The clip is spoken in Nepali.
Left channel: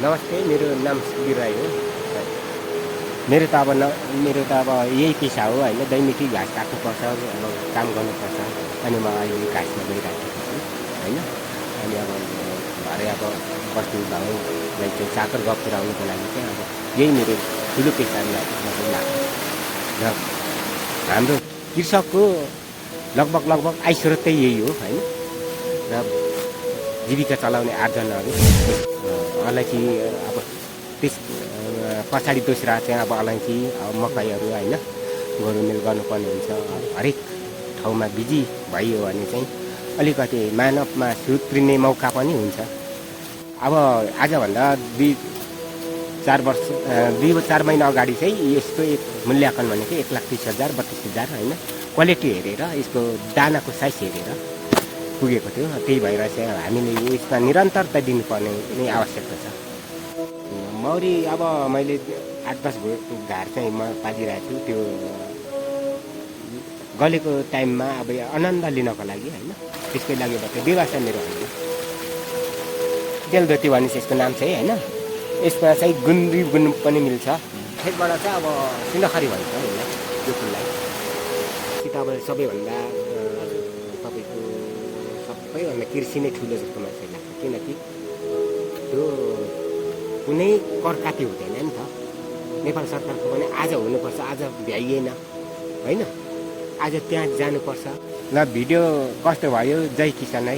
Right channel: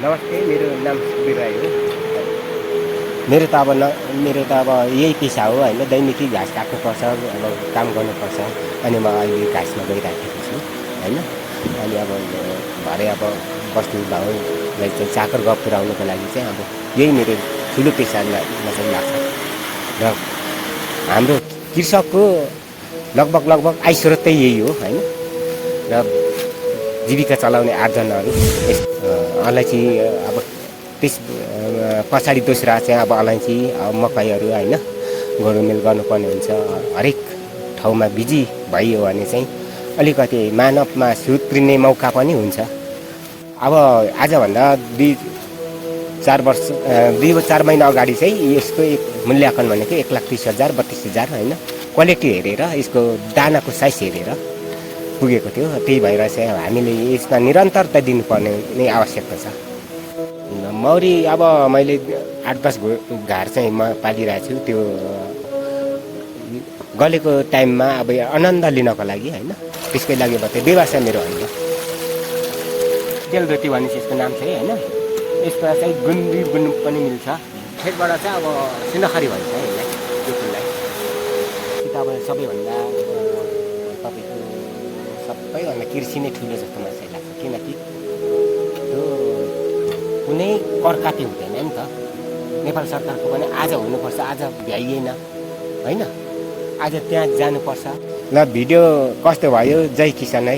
नमस्ते, मेरो नाम सुखबीर राई हो। मेरो त अब यही पेसा हो होइन, दैनिकी घाँस काट्नुपर्छ, अब काम गर्नुपर्छ। अनि म अहिले घाँसमा गइराखेको छु होइन। अनि अब भरे अब बस्तु भाउलाई चाहिँ चाकर गफ पुऱ्याउनुको लागि चाहिँ अब यही मेरो ठुलो पेसालाई चाहिँ लाग्छ। र हाम्रो कृषकको लगभग आय स्रोत चाहिँ यही हो होइन। र जीविका चलाउने आर्जनहरू अलैँची, अब त्यस पछाडि दोस्रा चाहिँ अब अलैँची, मकैहरू होइन गोडमेल गर्नुपर्ने हुन्छ। हरेक ठाउँमा बिजी भइयो भने चाहिँ अलिकति मानवमा सुत्रिने मौका पनि हुन्छ। अब आजभन्दा 2-4 महिना अगाडि चाहिँ यसको एक मूल्याङ्कन भनेको 1,30,000 32,000 होइन, क्वालिटी हेरेर यसको दानाको साइज हेरेर पुगेको थियो। त्यही भएर चाहिँ हामीले यसमा निरन्तरता दिनुपर्ने नै आवश्यकता छ। मौरी अब मैले 8-10 घार चाहिँ म पालिरहेको छु। त्यो गलेको टाइममा अब आनन्द लिनको लागि होइन, त्यसकै लागि मात्रै, व्यवसाय मेरो होइन। तेलधोती भन्ने चाहिँ यसको नाम चाहिँ होइन। यसमा चाहिँ गुन पनि मिल्छ। खेतबाट चाहिँ अब सिन्धखरी भन्छ यसलाई, यो फुललाई। कि त अब सबैभन्दा तपाईँको सबैभन्दा कृषि नै ठुलो जस्तो मलाई लाग्छ। किनकि त्यो कुनै करकाती हुँदैन नि त। नेपाल सरकारको पनि आज हुनुपर्छ, आज भ्याइएन होइन, आज त्यहाँ जानुपर्छ। ल भिडियो कस्तो भयो, जय किसान है।